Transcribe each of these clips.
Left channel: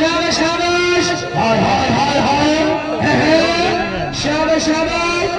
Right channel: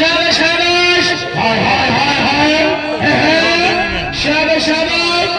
शाबाश शाबाश हाय हाय हाय हाय शाबाश शाबाश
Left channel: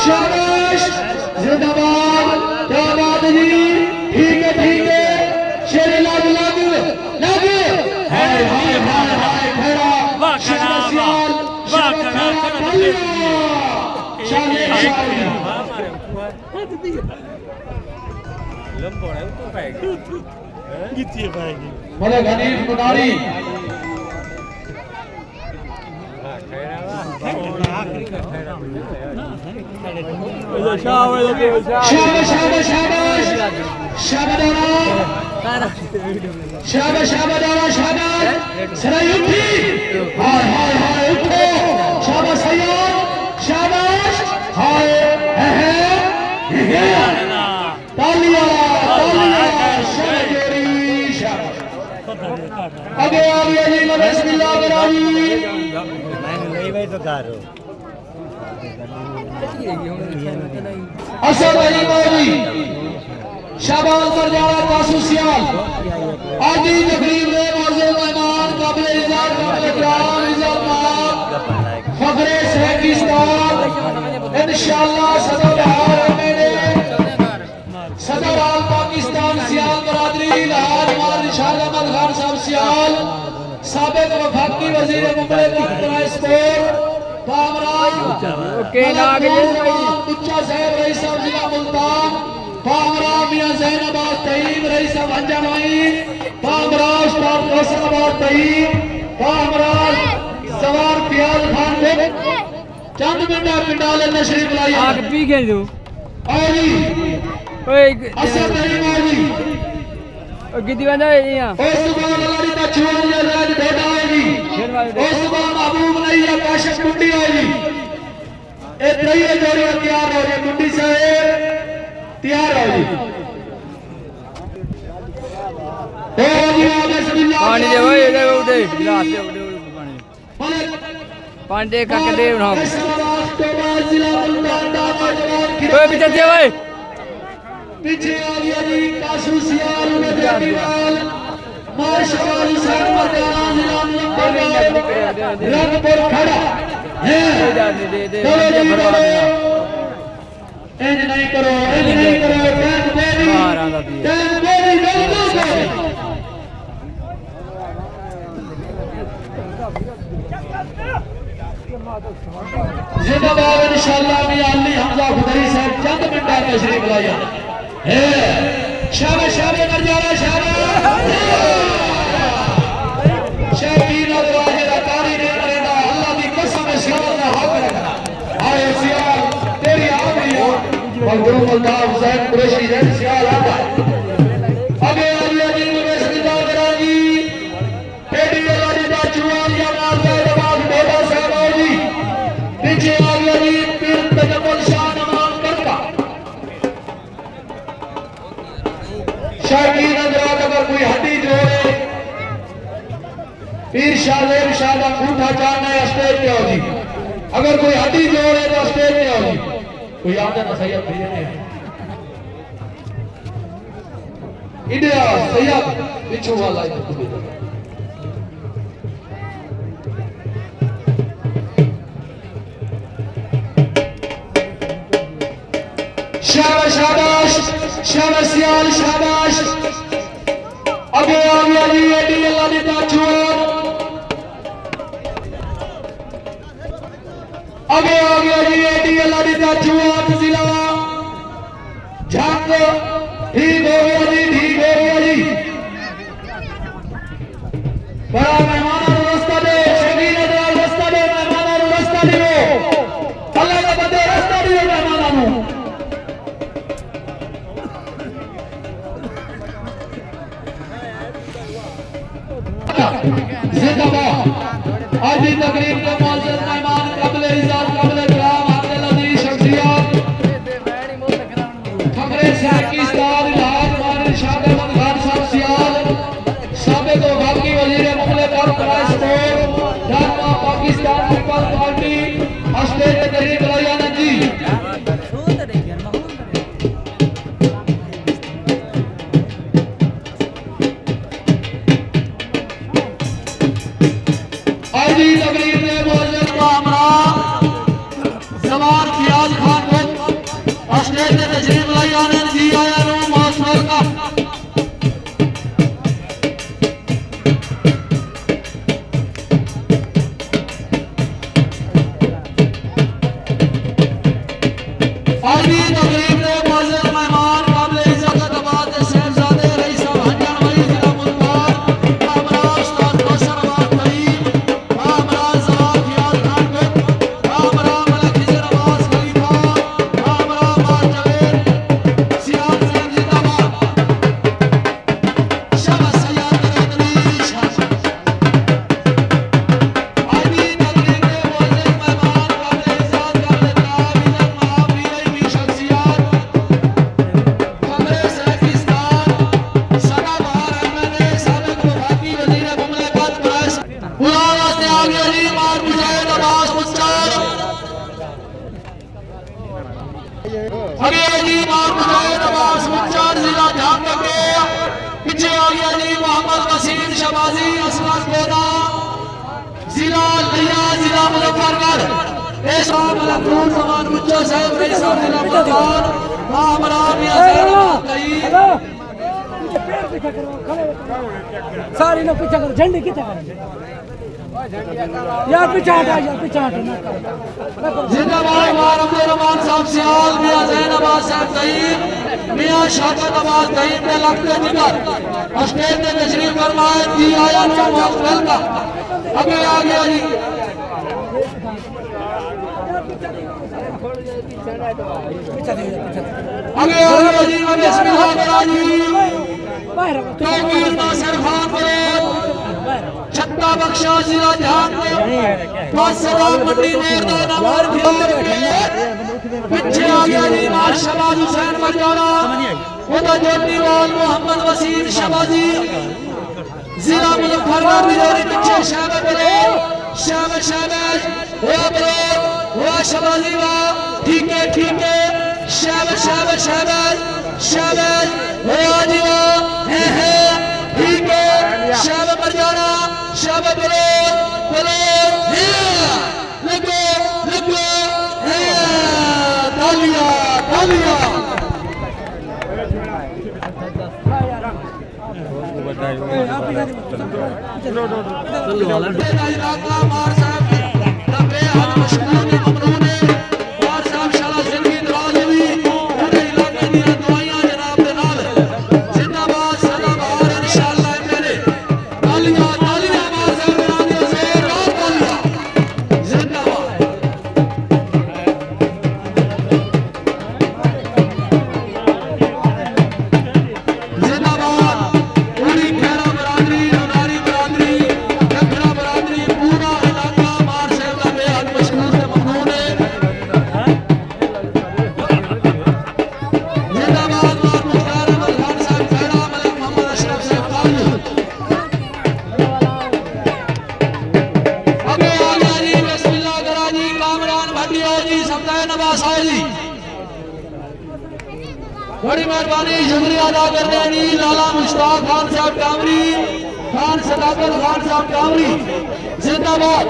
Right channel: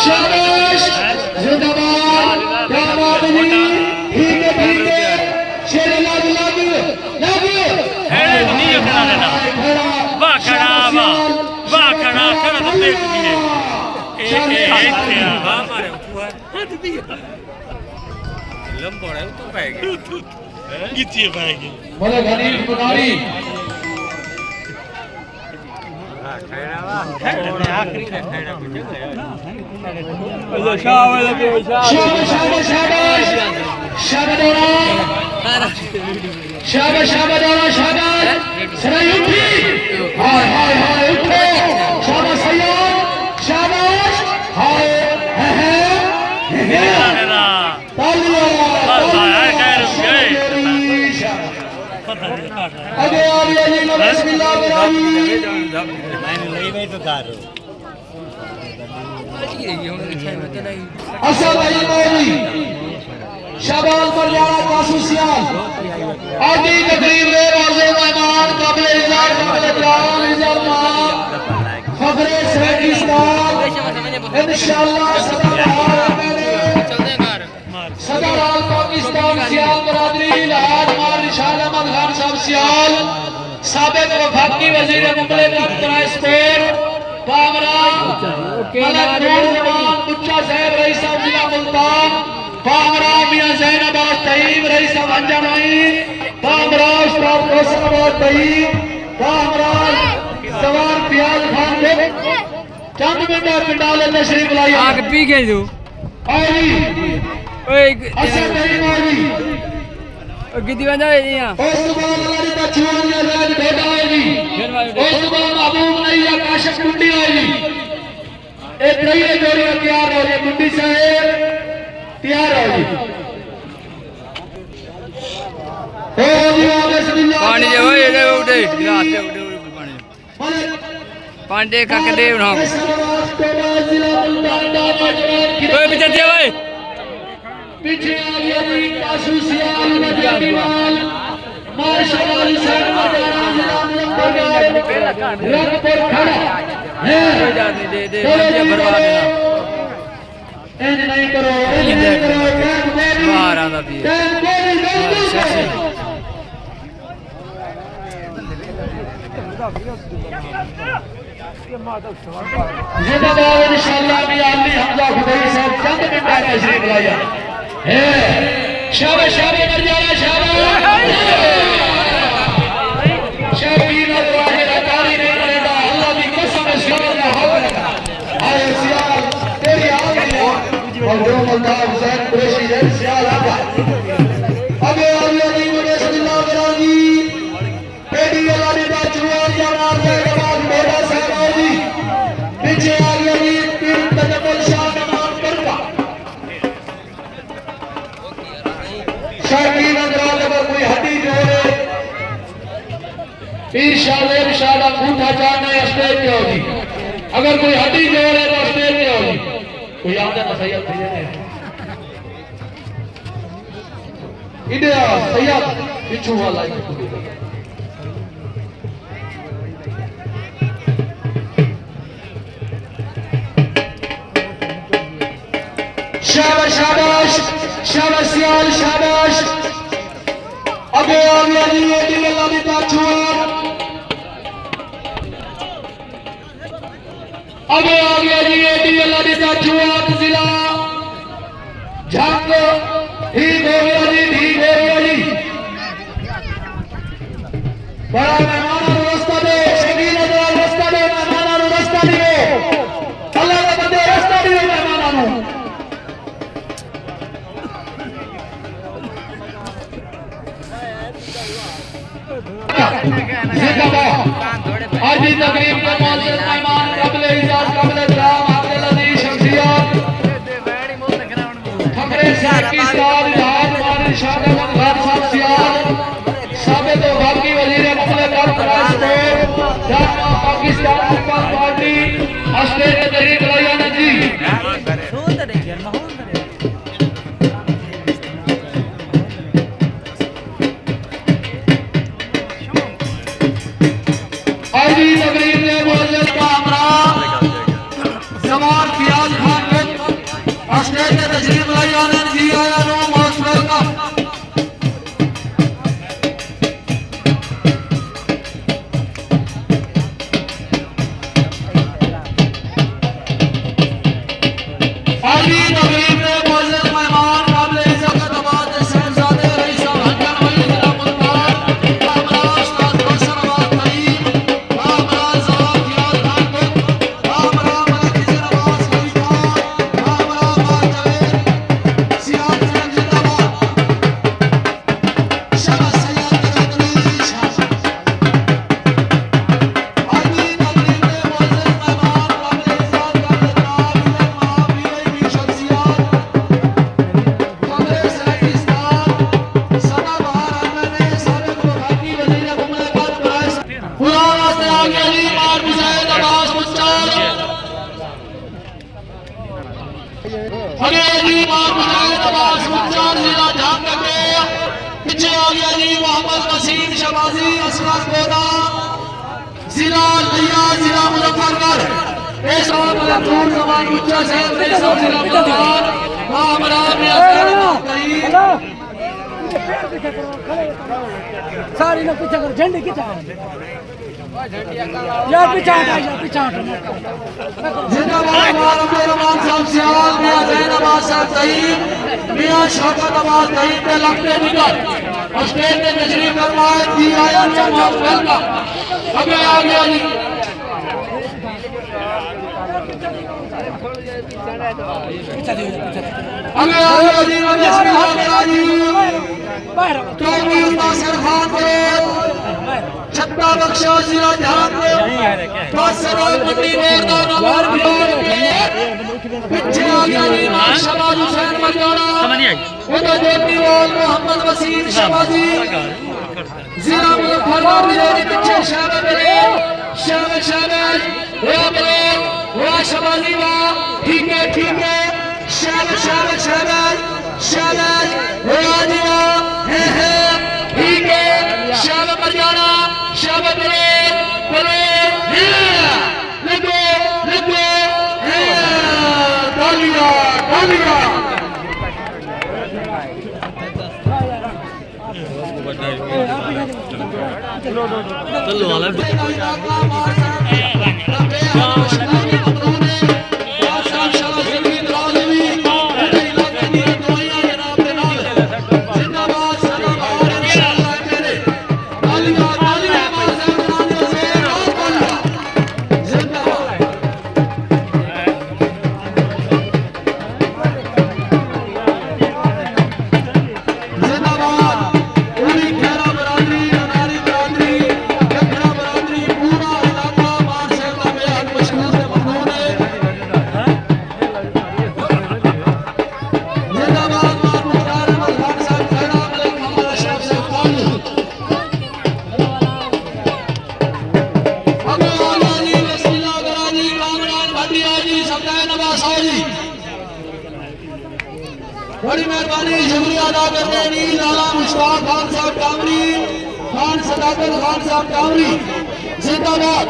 शाबाश जिंदाबाद क्या बात है ठीक है शेर लागू लागू लागू है नहीं खड़ा रहना वाह खड़ा तो देख लिए एक वाह मारे हाथ दिया लंबोड़ा तो पाएगी कितनी पाएगी बोलो गणेश पुजारी आखिरी का खैरा कुछ शाबाश बरजारा कासूसियाल आदि तकरीब में मौजूद मेहमान काबिल इज़्ज़त फखरे सराकिस्तान इंशाअल्लाह सदर आल पाकिस्तान सियाल बरादरी लहाज मौलाना निशान अहमद खान साहब सियाल साबिक वफाकी वजीर मुमलिकत बराए स्पोर्ट पावरा ओके बुच्चा साहब रईस साहब जिला मुल्तान पावरा मियां जैनाबाद तईब रईस साहब अंजनई पावरा उस्ताद फैसलाबाद तईब पावरा सवार प्याज खान को चंद मिनट पिंडाल नशरीफ लाई आग पी गए तू आई ओए असर नहीं मोदी कितनी बंदा है यहाँ ओ सुभान अल्लाह दी तचूर ने राज भेटा है जी फिर मारो ओ सुभान महबूब नहीं है काशिफ कुंडी है जी ए तैयार जोड़े तैयार हो गए कुंडी साहब तैयार हो जी ओ जी बिस्मिल्लाह पानी दे ओए इधर उठे गिलास दे उठे पानी पानी दे काके दे ना ओए पीछे दे ओए पीछे आ गया जी कासूसियाल माशाअल्लाह कोई डाल नहीं दे मंदिर भरवा देना नहीं करो बाहर आंदा भी है जिंदाबाद इंशाअल्लाह भी आली हमजा खुदाई साहब चंद मिनट में तशरीफ लाया है शाबाश शाबाश मरजाना शाबाश शाबीर वाहिद अकारी ने करेगा अल्लाह की कसम सियाल ने हाथ अरे सियाल तेरी आलिया मखदूम अल्ताफ जैन कुरैशी जैन सियाल आका अबे अल्लाह दी बिस्मिल्लाह करागी तेरी वाली दा जुआन जमाल में नमाज बेटा साहब जी पीछे आ गया जी पीर तकबल शाह इमाम करका शायकीन अगर कोई हड्डी जोड़े पीर शाह का अंगूठा चाहना है स्टेज पे होगी अगर कोई हड्डी जोड़े तो स्टेज पे होगी कोई आगे ना सैयद इंडिया सैयद पिछू वाला शाबाश शाबाश शाबाश सियाल शाबाश अबे अल्लाह दी एडी अल्लाह दी ताचुआ अबे आ गया जी एडी अल्लाह दी ताचुआ जिला झांको ठीक हो गया जी ठीक हो गया जी बड़ा मेहमान रास्ता दे शबीर दे रास्ता दे मेहमान रास्ता दे अल्लाह का बंदे रास्ता दे मेहमान आज की तकरीब के मौजूद मेहमान काबिल इज़्ज़त काबिल एहतराम अब्दुल अजीज शख्सियत फखरे पाकिस्तान लहाज मौलाना निशान अहमद खान साहब सियाल साबिक वफाकी वजीर मुमलिकत बराए sport Pakistan Peoples Party state के तहरीक लाया जी अरे जी मोहम्मद अब्बास मुख्तार जिला झांग के पीछे आ गया जी मोहम्मद वसीम शबाजी असगर गोदा जिला लिया जिला मुजफ्फरनगर इस दूर जमान बच्चा से सारी लोग पीछे करो झंडे कितना यार पीछे हटा यार पीछे हटा जिंदाबाद रहमान साहब सियाल मियां जैनबाज साहब तहीद मियां शौकत अब्बास तहीद के लगते निकल स्टेज में तशरीफ फरमाए जी आया वेलकम अबे आ गया जी अबे आ गया जी बिस्मिल्लाह तौहीद नासिर खान को छत्ता बख्शा जिला झांग यार बंदे बैठे ना शबाज हुसैन मजोरा समझ नहीं आई उधर जोटी लोग मोहम्मद वसीम शबाजी जिला मुजफ्फरनगर मेरे पीछे शाबाश वो बड़े वो शबाजी वो ठीक है शाबाश वो आदि वो है ठीक है शाबाश मरजाना शाबाश बड़े लगो तालियां बड़ी मेहरबानी शुक्रिया अदा करने वाली लाला मुश्ताक खान साहब टावरी खान सदाकत खान साहब टावरी जिंदाबाद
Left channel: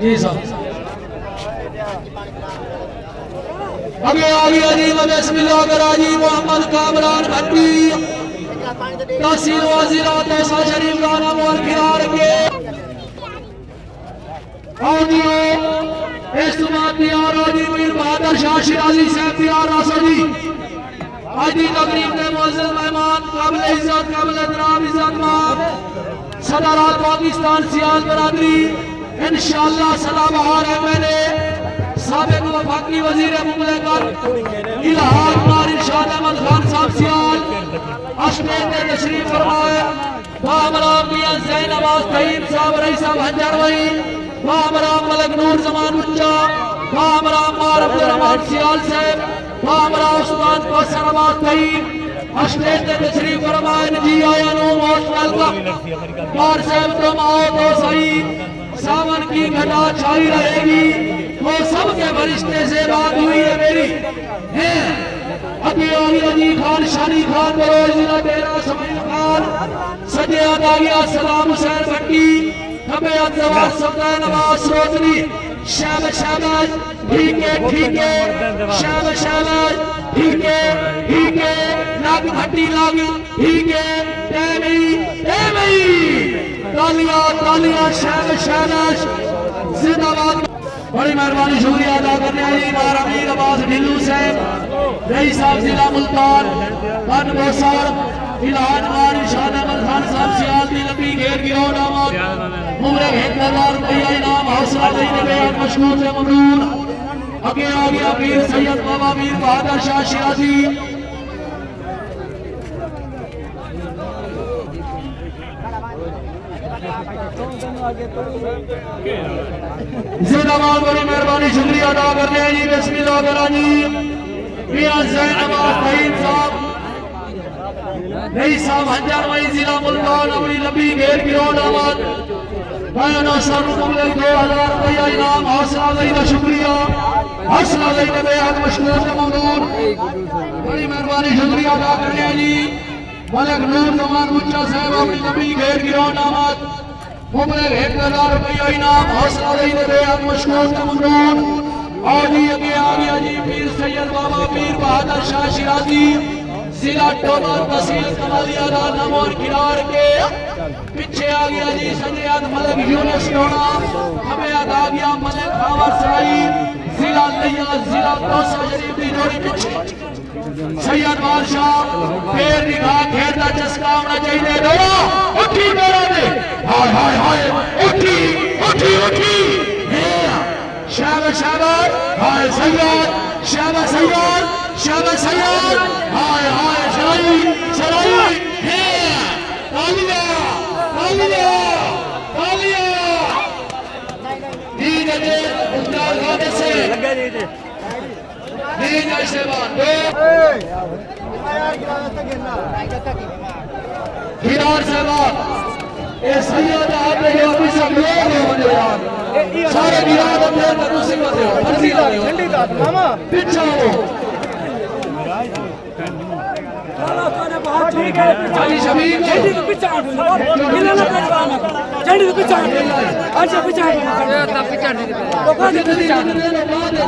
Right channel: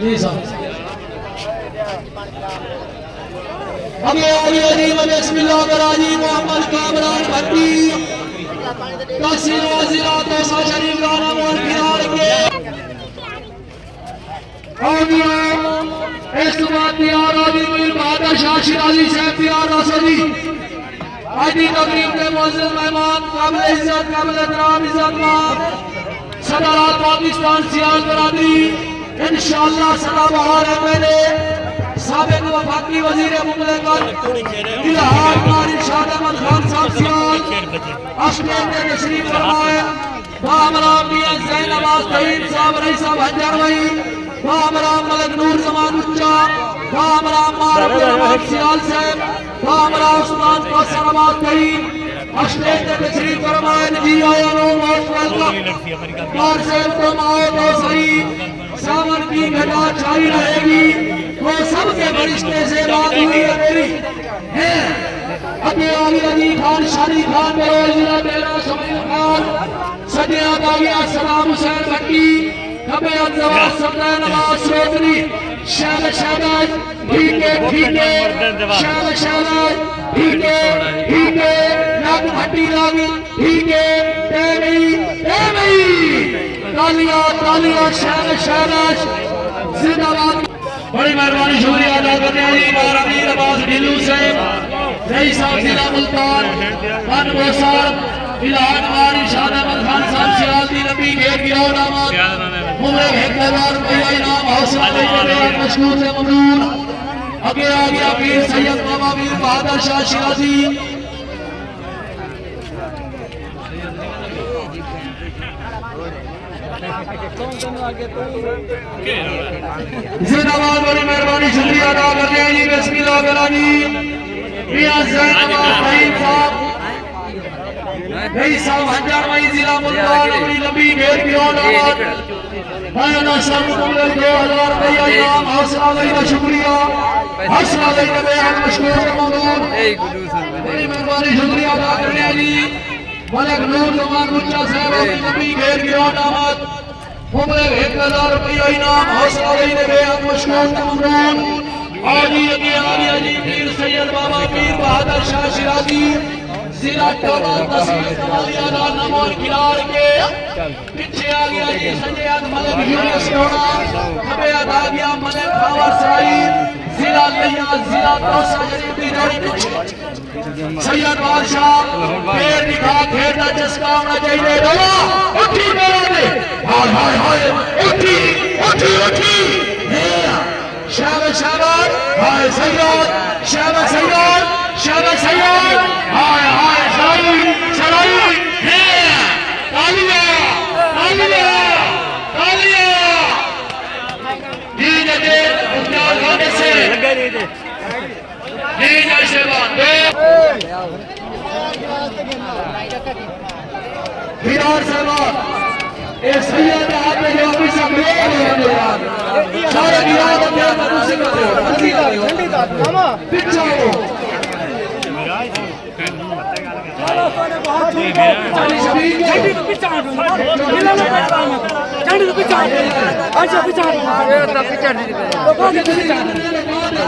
जी साहब अभी आ गया जी बिस्मिल्लाह कराजी मोहम्मद कामरान भट्टी तहसील वजीरा तोसा शरीफ का नाम और किनार के इस बात तैयार आदि मीर बहादुर शाह शिराजी साहब तैयार रसदी आदि तकरीब में मौजूद मेहमान काबिल इज्जत काबिल एहतराम इज्जतमान सदर पाकिस्तान सियाल बरादरी इंशाअल्लाह सदाबहार है मेरे साबिक वफाकी वजीर मुमलकत इलाहाबाद और इरशाद अहमद खान साहब सियाल अस्टेज में तशरीफ फरमाए बाबरा मियां जैनबाज तहीद साहब रईस साहब हजर वही बाबरा मलिक नूर जमान उच्चा बाबरा मारूफ रहमान सियाल साहब बाबरा उस्मान कौसर अब्बास तहीद अस्टेज में तशरीफ फरमाए नजी आया नो मोस्ट वेलकम और साहब तो माओ तो सही सावन की घटा छाई रहेगी वो सबके बरिश्ते से बात हुई है मेरी है अभी अली खान शानी खान बरोज जिला डेरा समीर खान सजे आबागिया सलाम हुसैन भट्टी हमें अजवाब सल्लल्लाहु अलैहि वसल्लम शाबाश ठीक है शाबाश ठीक है नाग भट्टी नाग ठीक है तालियां शाबाश जिंदाबाद बड़ी मेहरबानी शुक्रिया अदा करते हैं जी अमीर अब्बास ढिल्लू साहब रईस साहब जिला मुल्तान बनबो साहब इलाहाबाद इरशाद अहमद खान साहब सियाल दी लंबी घेर गिरो नामक मुमरे हैदराबाद भैया इनाम हौसला देने मशहूर से ममनून आगे आ गया वीर सैयद बाबा वीर बहादुर शाह शिराजी जिंदाबाद बड़ी मेहरबानी शुक्रिया अदा करते हैं जी बिस्मिल्लाह करानी मियां जैन साहब नहीं साहब हजार मई जिला मुल्तान अपनी लंबी घेर गिरावट माना साहब को 2000 हौसला लेने शुक्रिया हौसला लेने में आप मशहूर मंगल बड़ी मेहरबानी शुक्रिया अदा करने जी मलक नूर जमान मुच्चा साहब अपनी लंबी घेर गिरावट आमद मुमरे 1000 रुपया इनाम हौसला लेने में आप मशहूर मंगल आजी पीर सैयद बाबा पीर बहादुर शाह शिराजी जिला टोबा तहसील कमालियाला नमोर किनार के पीछे आ गया जी संजय मलिक यूनिस टोबा हमें आ गया मलिक बाबा सईद जिला लिया जिला तोसा शरीफ बिदारी पीछे सैयद बादशाह पैर दिखा खेड़ा जिसका होना चाहिए रो उठी मेरा ने हाय हाय हाय उठी उठी उठी शाबाश शाबाश हाय सैयद शाबाश सैयद शाबाश सैयद हाय हाय सईद सईद है तालिया तालिया तालिया दीजिए उस्ताद गाने से दीजिए शबान हिरार से बात ए सैयद आदमी जो भी सब ले यार सारे बिहार के लोगों से ठंडी दाद मामा पीछे चलो तो बहुत ठीक है झंडी के पीछे आ गए गिला ना कर पाना झंडी के पीछे आ गए अच्छा पीछे आ गए तो कहां से पीछे आ गए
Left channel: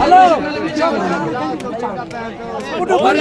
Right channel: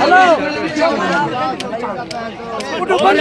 हेलो उठो बंद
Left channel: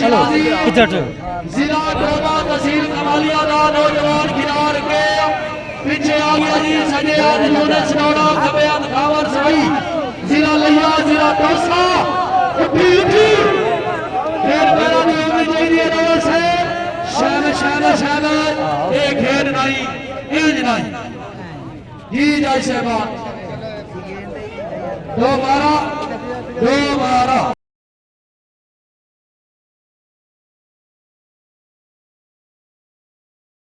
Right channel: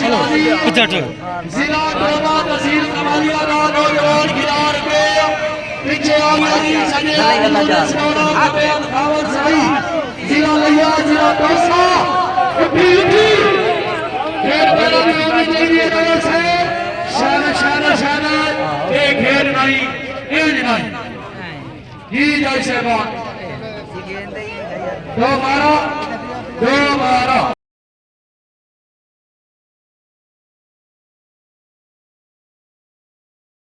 हेलो कितना पीछे आ गई संजय जिला लिया जिला पैसा एक हेड नहीं इंज नहीं ही जैसे बात 2 12 2